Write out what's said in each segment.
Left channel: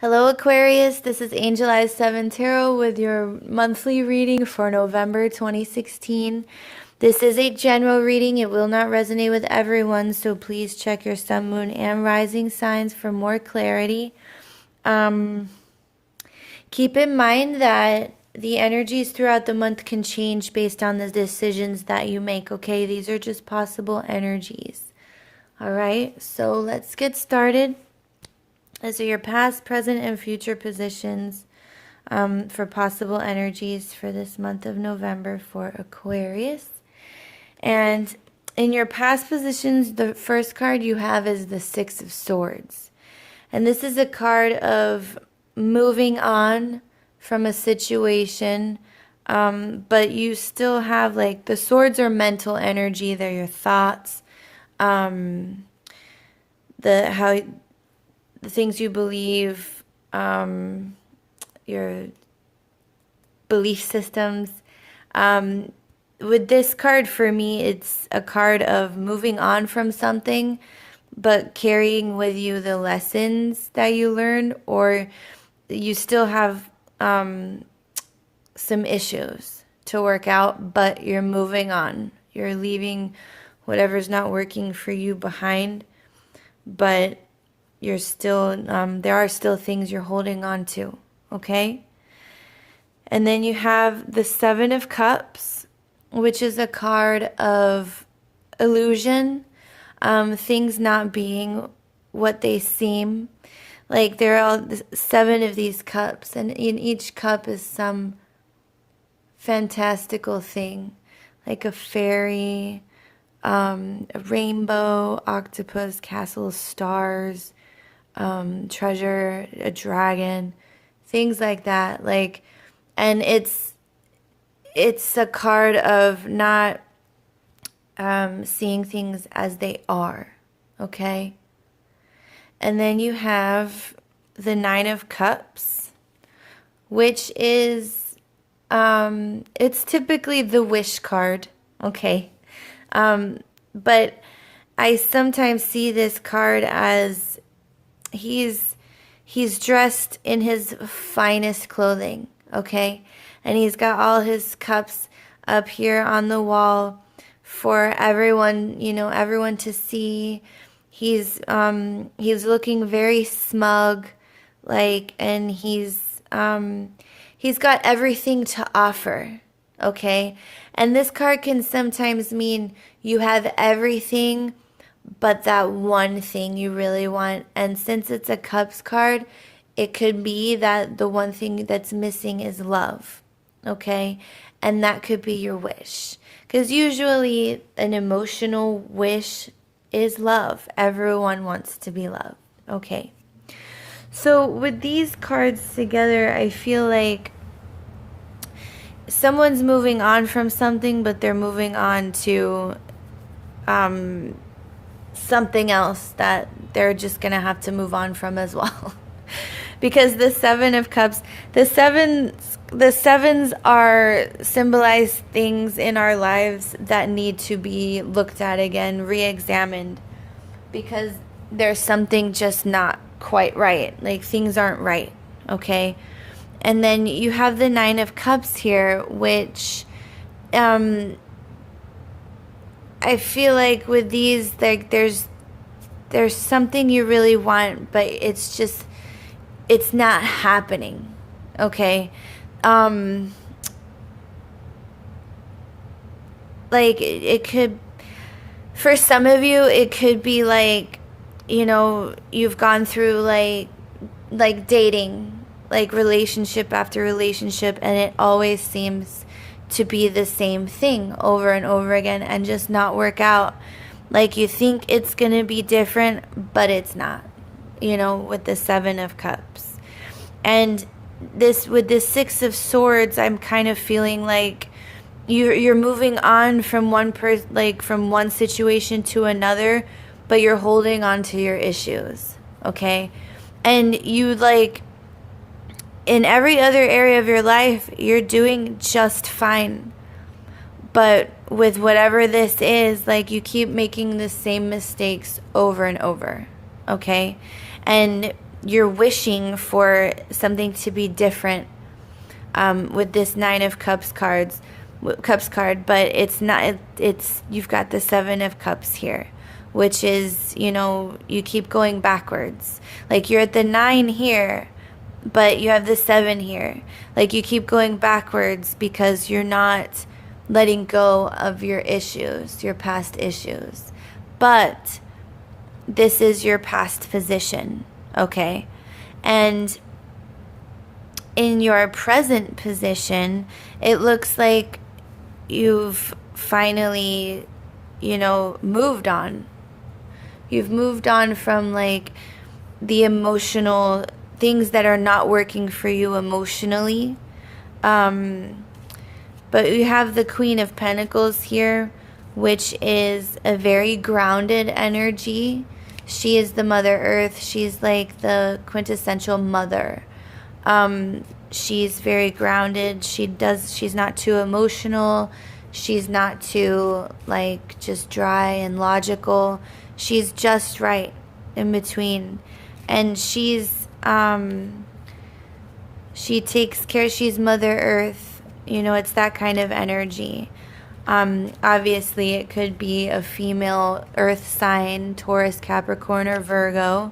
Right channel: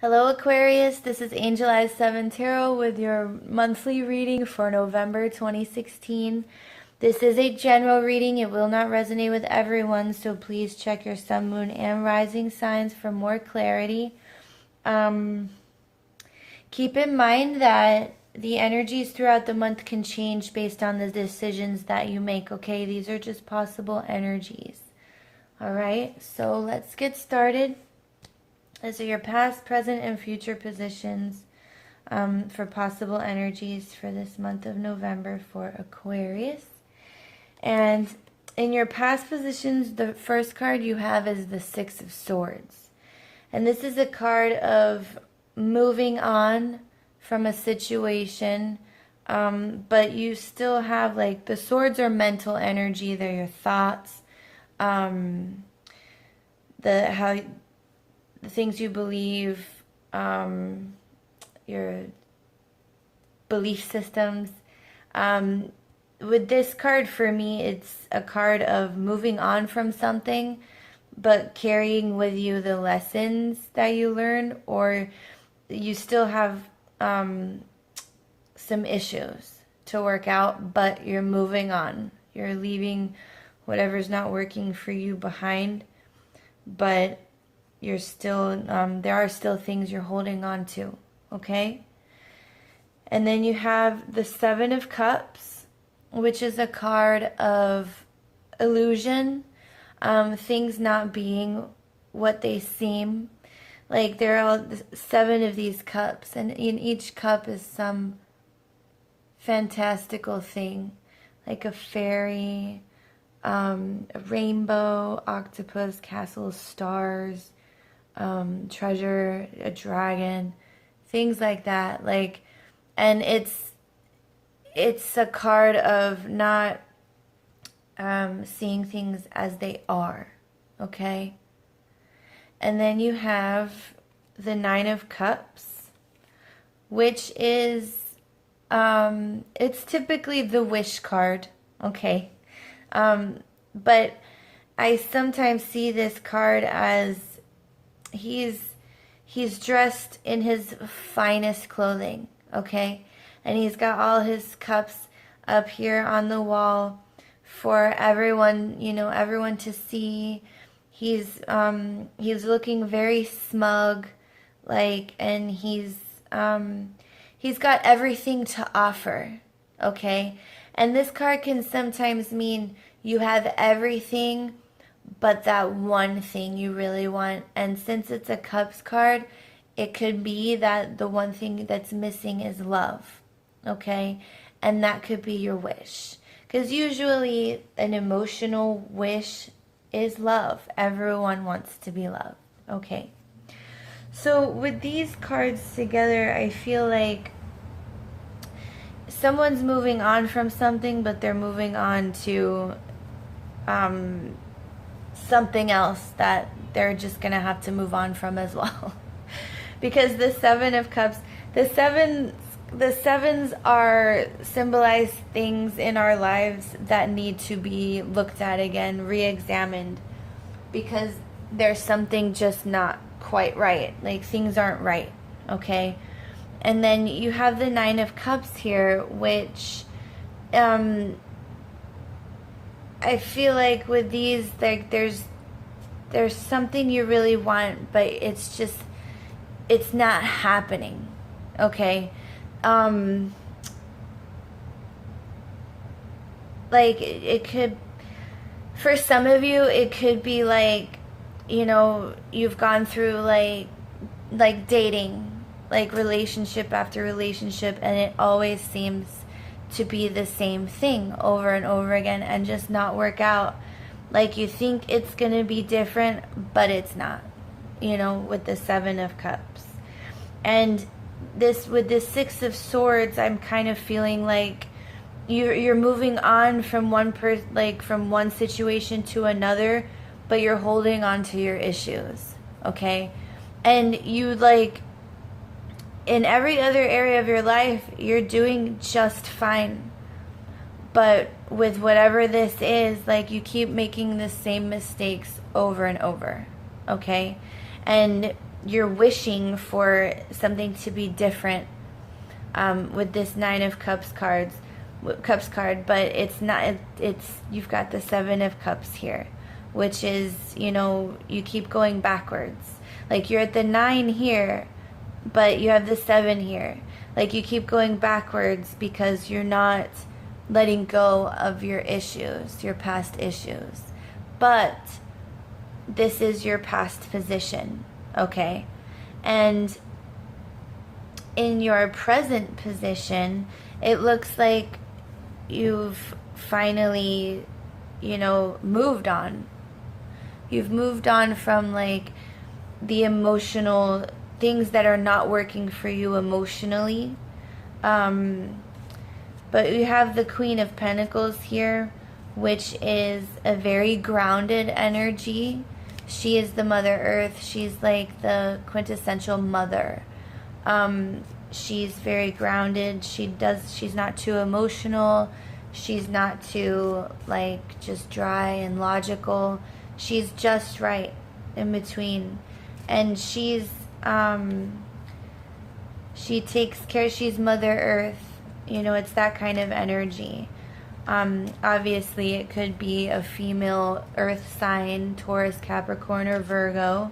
Hello Aquarius, this is Angel Eyes 7 Tarot with your monthly reading for November 2016. This is a general reading. It will not resonate with everyone, so please check your sun, moon, and rising signs for more clarity. Keep in mind that the energies throughout the month can change based on the decisions that you make, okay? These are just possible energies. All right, so let's get started. These are your past, present, and future positions for possible energies for this month of November for Aquarius. And in your past positions, the first card you have is the Six of Swords. And this is a card of moving on from a situation, but you still have, like, the swords are mental energy. They're your thoughts, the things you believe, your belief systems. With this card, for me, it's a card of moving on from something, but carrying with you the lessons that you learned, or you still have some issues to work out, but you're moving on. You're leaving whatever's not working for you behind, but you're still, there are still things you're holding on to, okay? And then you have the Seven of Cups, which is a card of illusion, things not being what they seem. Like, there are 7 of these cups, and in each cup is some fantastical thing, like a fairy, a rainbow, octopus, castles, stars, treasure, a dragon, things like that. Like, and it's a card of not seeing things as they are, okay? And then you have the Nine of Cups, which is it's typically the wish card, okay? But I sometimes see this card as he's dressed in his finest clothing, okay? And he's got all his cups up here on the wall for everyone, everyone to see. He's looking very smug, like, and he's got everything to offer, okay? And this card can sometimes mean you have everything but that one thing you really want. And since it's a Cups card, it could be that the one thing that's missing is love, okay? And that could be your wish. Because usually an emotional wish is love. Everyone wants to be loved, okay? So with these cards together, I feel like someone's moving on from something, but they're moving on to something else that they're just gonna have to move on from as well. Because the Seven of Cups, the sevens are symbolize things in our lives that need to be looked at again, re-examined, because there's something just not quite right. Like, things aren't right, okay? And then you have the Nine of Cups here, which I feel like with these, like, there's something you really want, but it's not happening, okay? Like, it could, for some of you, it could be like, you've gone through like dating, like relationship after relationship, and it always seems to be the same thing over and over again and just not work out. Like, you think it's gonna be different, but it's not, with the Seven of Cups. And this, with this Six of Swords, I'm kind of feeling like you're moving on from from one situation to another, but you're holding on to your issues, okay? And you, like, in every other area of your life, you're doing just fine. But with whatever this is, like, you keep making the same mistakes over and over, okay? And you're wishing for something to be different with this Nine of Cups card, but it's not. It's you've got the Seven of Cups here, which is, you know, you keep going backwards. Like you're at the 9 here, but you have the 7 here. Like you keep going backwards because you're not letting go of your issues, your past issues. But this is your past position, okay? And in your present position, it looks like you've finally, you know, moved on. You've moved on from like the emotional things that are not working for you emotionally. But you have the Queen of Pentacles here, which is a very grounded energy. She is the Mother Earth. She's like the quintessential mother. She's very grounded. She's not too emotional. She's not too like just dry and logical. She's just right in between. And she takes care. She's Mother Earth. You know, it's that kind of energy. Obviously, it could be a female earth sign, Taurus, Capricorn, or Virgo.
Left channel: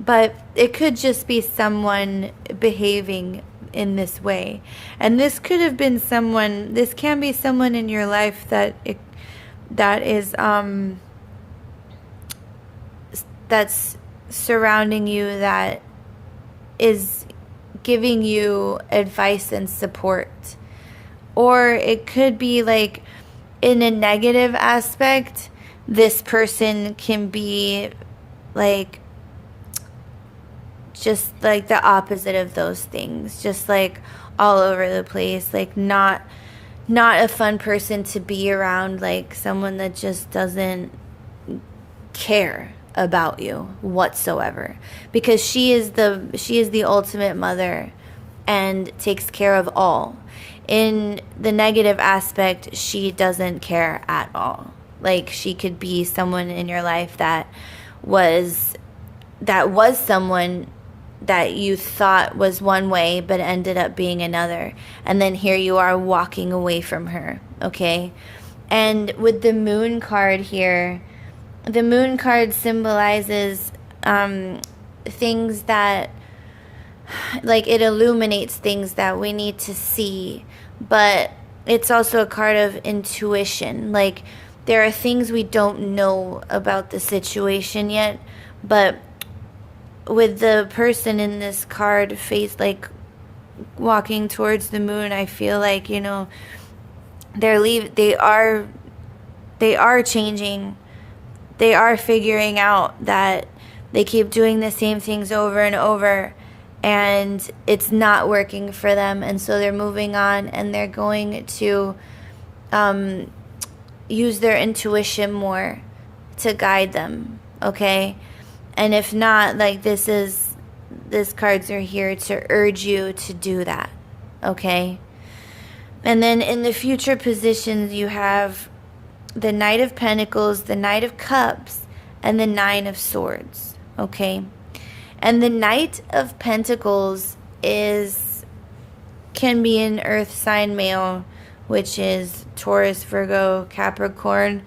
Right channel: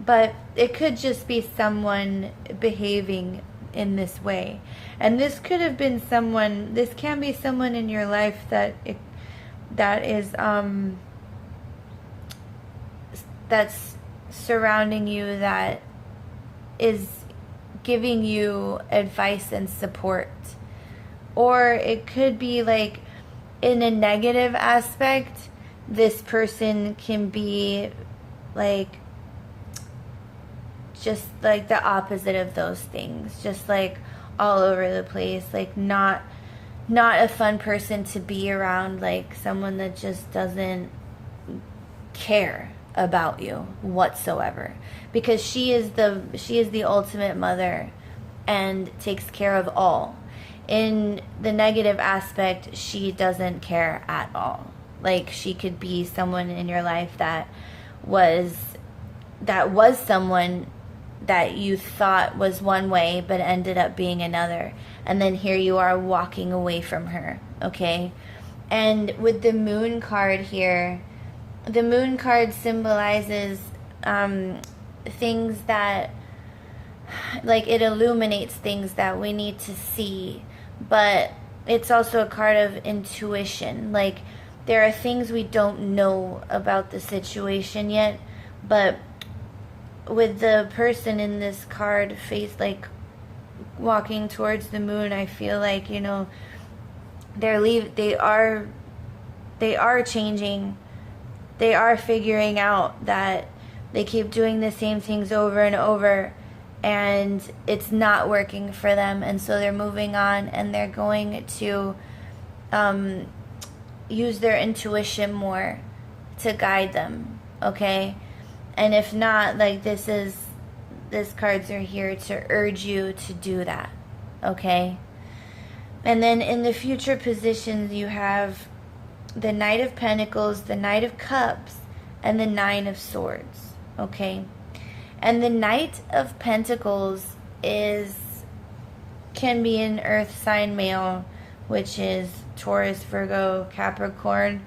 But it could just be someone behaving in this way. And this could have been someone, this can be someone in your life that's surrounding you, that is giving you advice and support. Or it could be like in a negative aspect, this person can be like just like the opposite of those things, just like all over the place, like not a fun person to be around, like someone that just doesn't care about you whatsoever, because she is the ultimate mother and takes care of all. In the negative aspect, she doesn't care at all. Like she could be someone in your life that was someone that you thought was one way but ended up being another, and then here you are walking away from her, okay? And with the Moon card here, the Moon card symbolizes things that, like, it illuminates things that we need to see, but it's also a card of intuition. Like, there are things we don't know about the situation yet, but with the person in this card like walking towards the moon, I feel like, you know, they are changing. They are figuring out that they keep doing the same things over and over, and it's not working for them, and so they're moving on, and they're going to use their intuition more to guide them, okay? And if not, like, these cards are here to urge you to do that, okay? And then in the future positions, you have the Knight of Pentacles, the Knight of Cups, and the Nine of Swords, okay? And the Knight of Pentacles can be an earth sign male, which is Taurus, Virgo, Capricorn,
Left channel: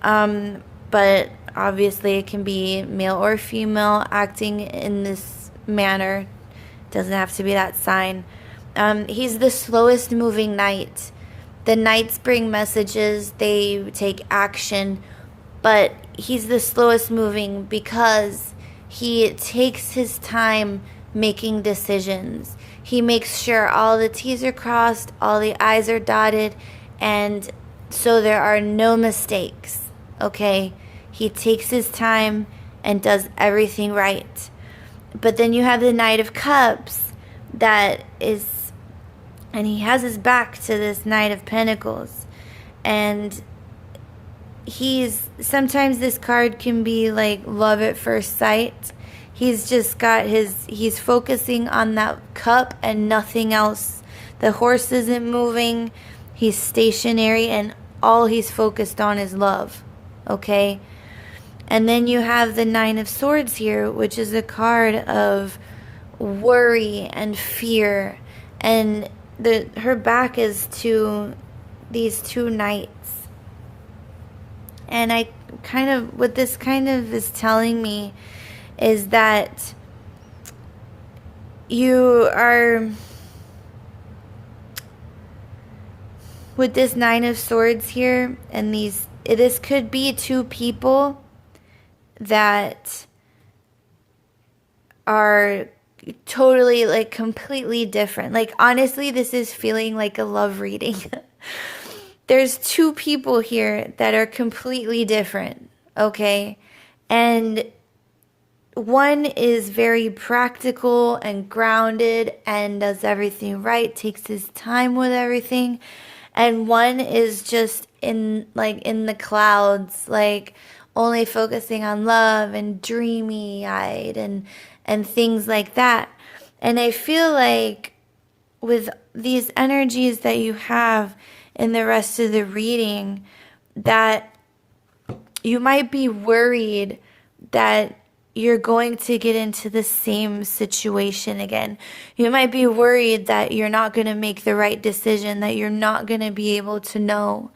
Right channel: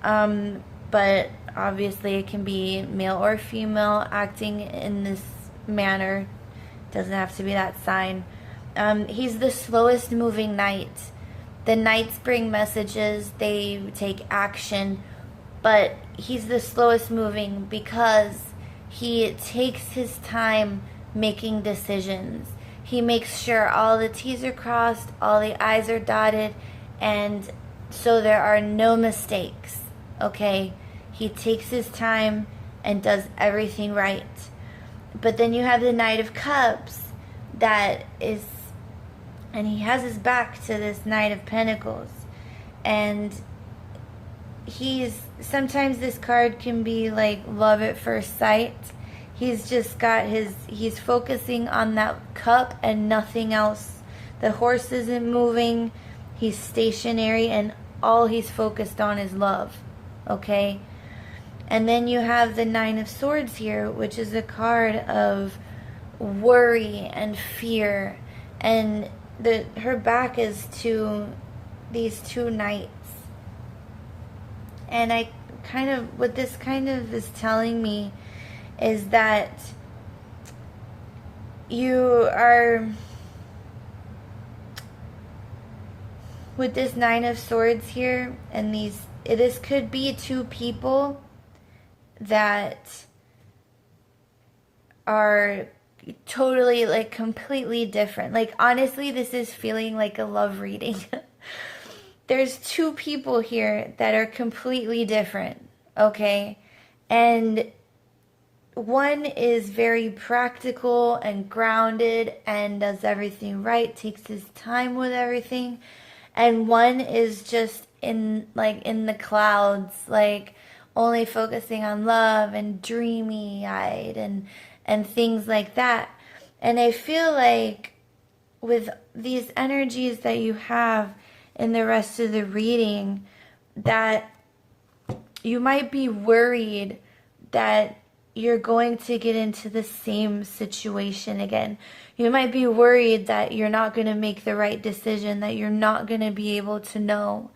but obviously it can be male or female acting in this manner. Doesn't have to be that sign. He's the slowest moving knight. The knights bring messages, they take action, but he's the slowest moving because he takes his time making decisions. He makes sure all the T's are crossed, all the I's are dotted, and so there are no mistakes, okay? He takes his time and does everything right. But then you have the Knight of Cups and he has his back to this Knight of Pentacles. And sometimes this card can be like love at first sight. He's just got he's focusing on that cup and nothing else. The horse isn't moving. He's stationary and all he's focused on is love, okay? And then you have the Nine of Swords here, which is a card of worry and fear. And her back is to these two knights. And what this kind of is telling me is that you are, with this Nine of Swords here, and this could be two people that are totally, like, completely different. Like, honestly, this is feeling like a love reading. There's two people here that are completely different, okay? And one is very practical and grounded and does everything right, takes his time with everything. And one is just in the clouds, like only focusing on love and dreamy-eyed and things like that. And I feel like with these energies that you have in the rest of the reading, that you might be worried that you're going to get into the same situation again. You might be worried that you're not going to make the right decision, that you're not going to be able to know,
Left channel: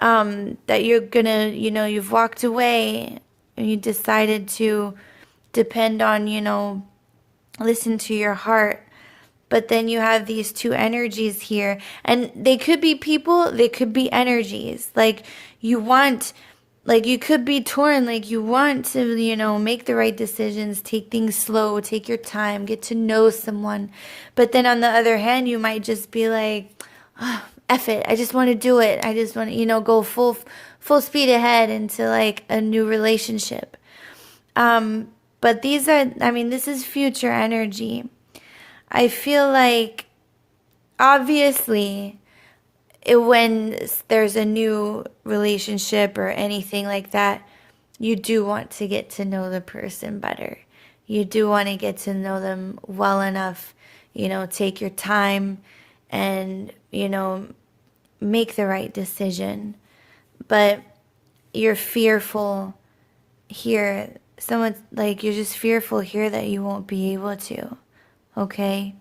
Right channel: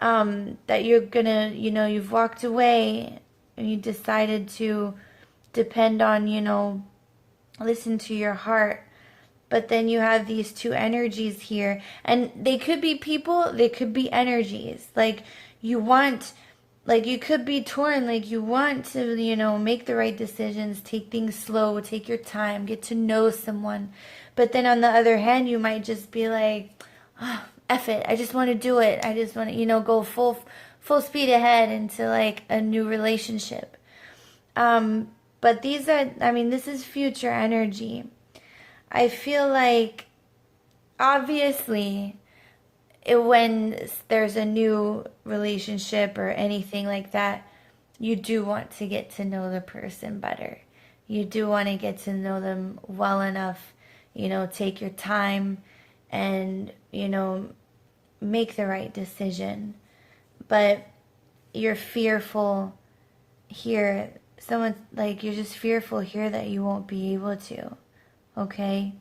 that you're going to, you've walked away and you decided to depend on, listen to your heart. But then you have these two energies here, and they could be people, they could be energies. Like you could be torn, like you want to, make the right decisions, take things slow, take your time, get to know someone. But then on the other hand, you might just be like, oh, F it, I just want to do it. I just want to, go full speed ahead into like a new relationship. But this is future energy. I feel like, obviously, when there's a new relationship or anything like that, you do want to get to know the person better. You do want to get to know them well enough, take your time and, make the right decision. But you're fearful here. You're just fearful here that you won't be able to. Okay?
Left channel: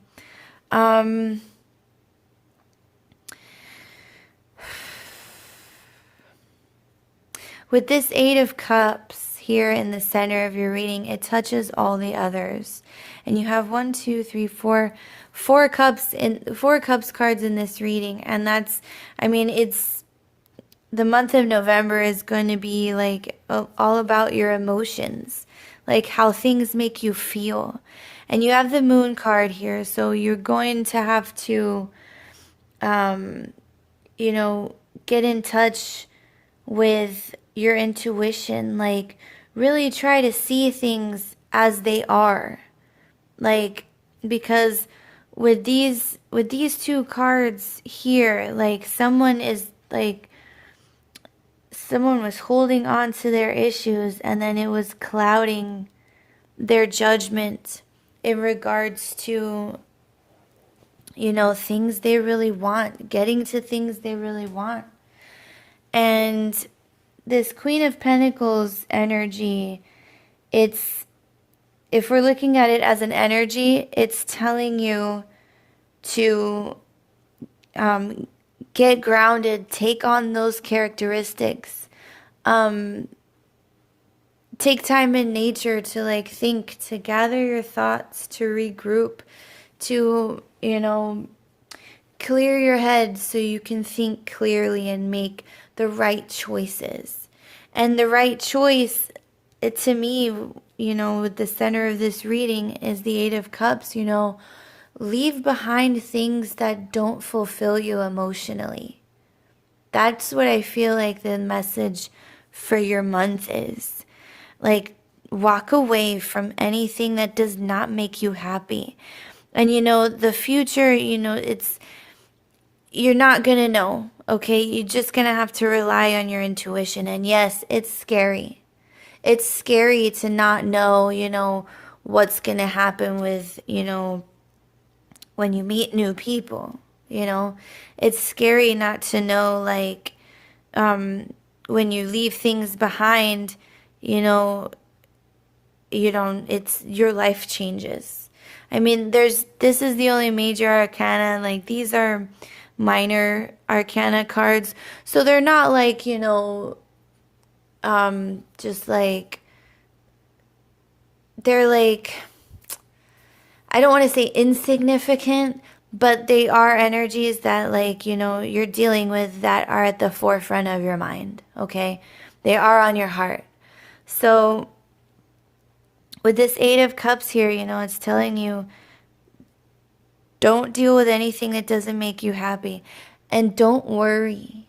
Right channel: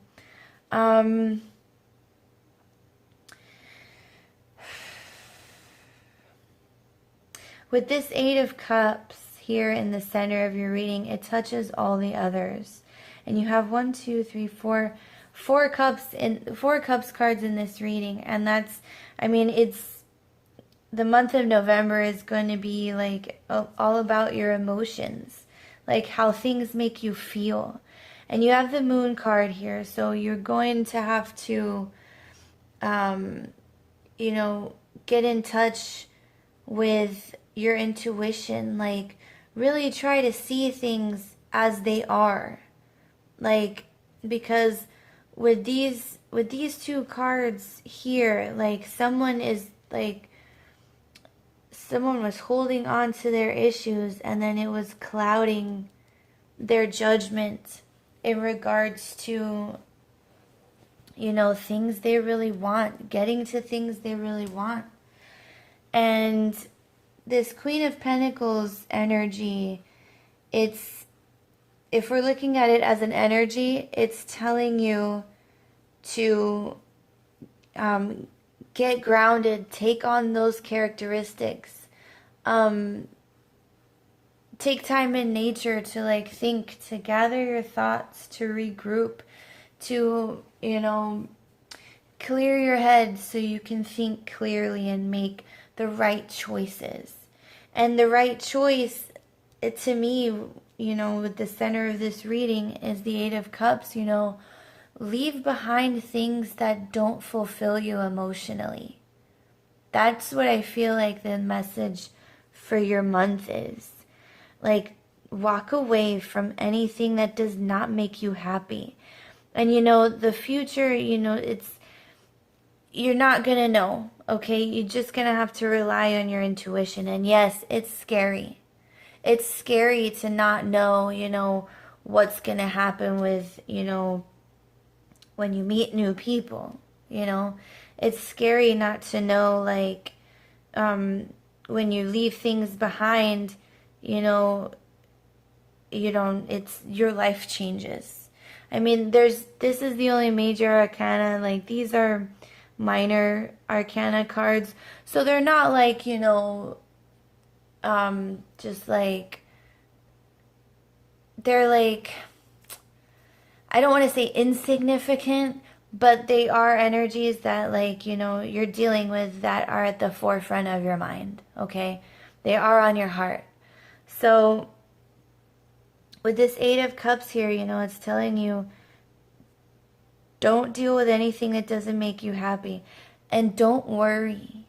With this Eight of Cups here in the center of your reading, it touches all the others. And you have 1, 2, 3, 4, 4 cups cards in this reading. And it's the month of November is going to be like all about your emotions, like how things make you feel. And you have the Moon card here, so you're going to have to, get in touch with your intuition. Like, really try to see things as they are. Like, because with these two cards here, like, someone was holding on to their issues, and then it was clouding their judgment in regards to, things they really want, getting to things they really want. And this Queen of Pentacles energy, if we're looking at it as an energy, it's telling you to get grounded, take on those characteristics, take time in nature to think, to gather your thoughts, to regroup, to, clear your head so you can think clearly and make the right choices. And the right choice, to me, with the center of this reading is the Eight of Cups. Leave behind things that don't fulfill you emotionally. That's what I feel like the message for your month is. Like, walk away from anything that does not make you happy. And the future, you're not going to know, okay? You're just going to have to rely on your intuition. And yes, it's scary. It's scary to not know, what's going to happen with, when you meet new people, It's scary not to know, when you leave things behind, you know, you don't, it's, your life changes. I mean, this is the only major arcana. Like, these are minor arcana cards. So they're not like, just like, they're like, I don't want to say insignificant, but they are energies that, like, you're dealing with that are at the forefront of your mind, okay? They are on your heart. So with this Eight of Cups here, it's telling you, don't deal with anything that doesn't make you happy. And don't worry.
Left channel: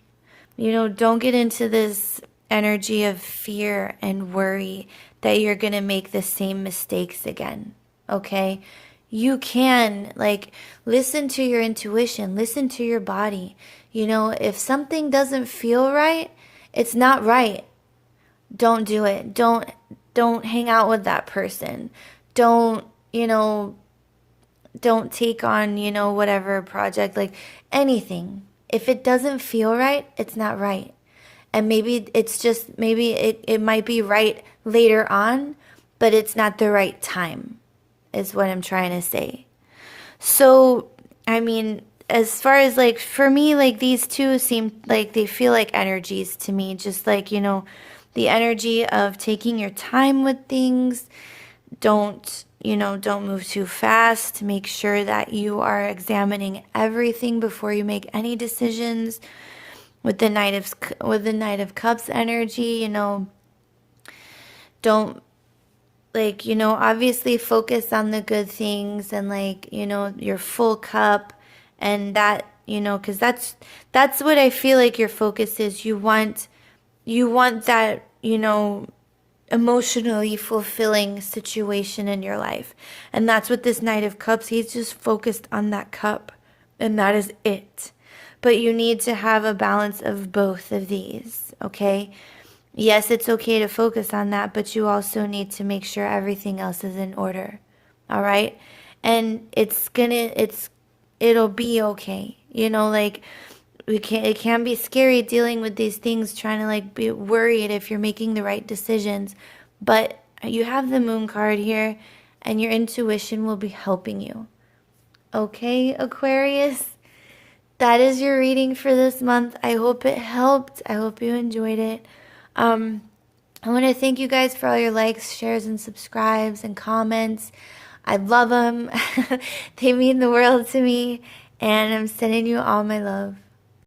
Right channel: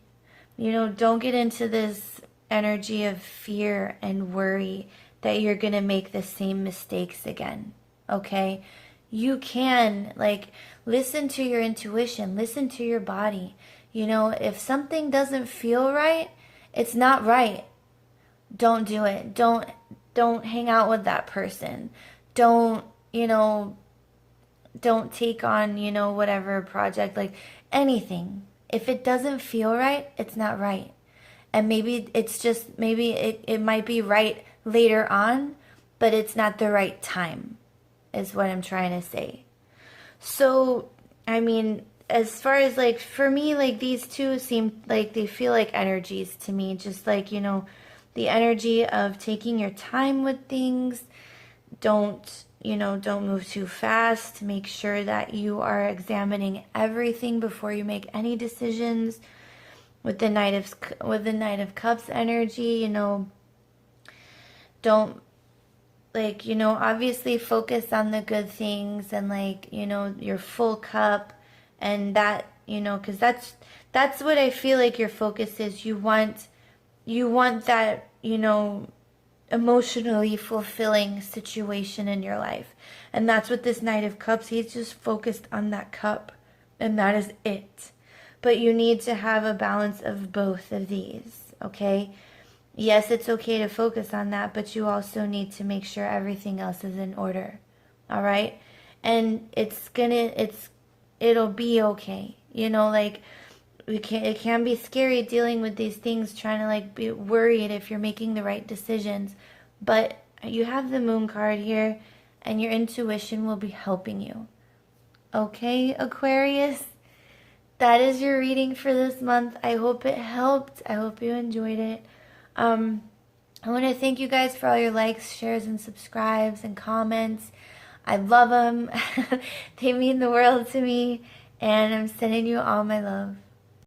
Don't get into this energy of fear and worry that you're going to make the same mistakes again, okay? You can, like, listen to your intuition, listen to your body. If something doesn't feel right, it's not right. Don't do it. Don't hang out with that person. Don't, don't take on, whatever project, like anything. If it doesn't feel right, it's not right. And maybe it's just, maybe it might be right later on, but it's not the right time, is what I'm trying to say. So, I mean, as far as, like, for me, like, these two seem like they feel like energies to me, just like, the energy of taking your time with things. Don't move too fast. Make sure that you are examining everything before you make any decisions. With the Knight of Cups energy, don't, like, obviously focus on the good things, and, like, your full cup, and that, because that's what I feel like your focus is. You want that, emotionally fulfilling situation in your life. And that's what this Knight of Cups, he's just focused on that cup, and that is it. But you need to have a balance of both of these, okay? Yes, it's okay to focus on that, but you also need to make sure everything else is in order. All right? And it'll be okay. Like, it can be scary dealing with these things, trying to, like, be worried if you're making the right decisions. But you have the Moon card here, and your intuition will be helping you. Okay, Aquarius? That is your reading for this month. I hope it helped. I hope you enjoyed it. I want to thank you guys for all your likes, shares, and subscribes and comments. I love them. They mean the world to me. And I'm sending you all my love.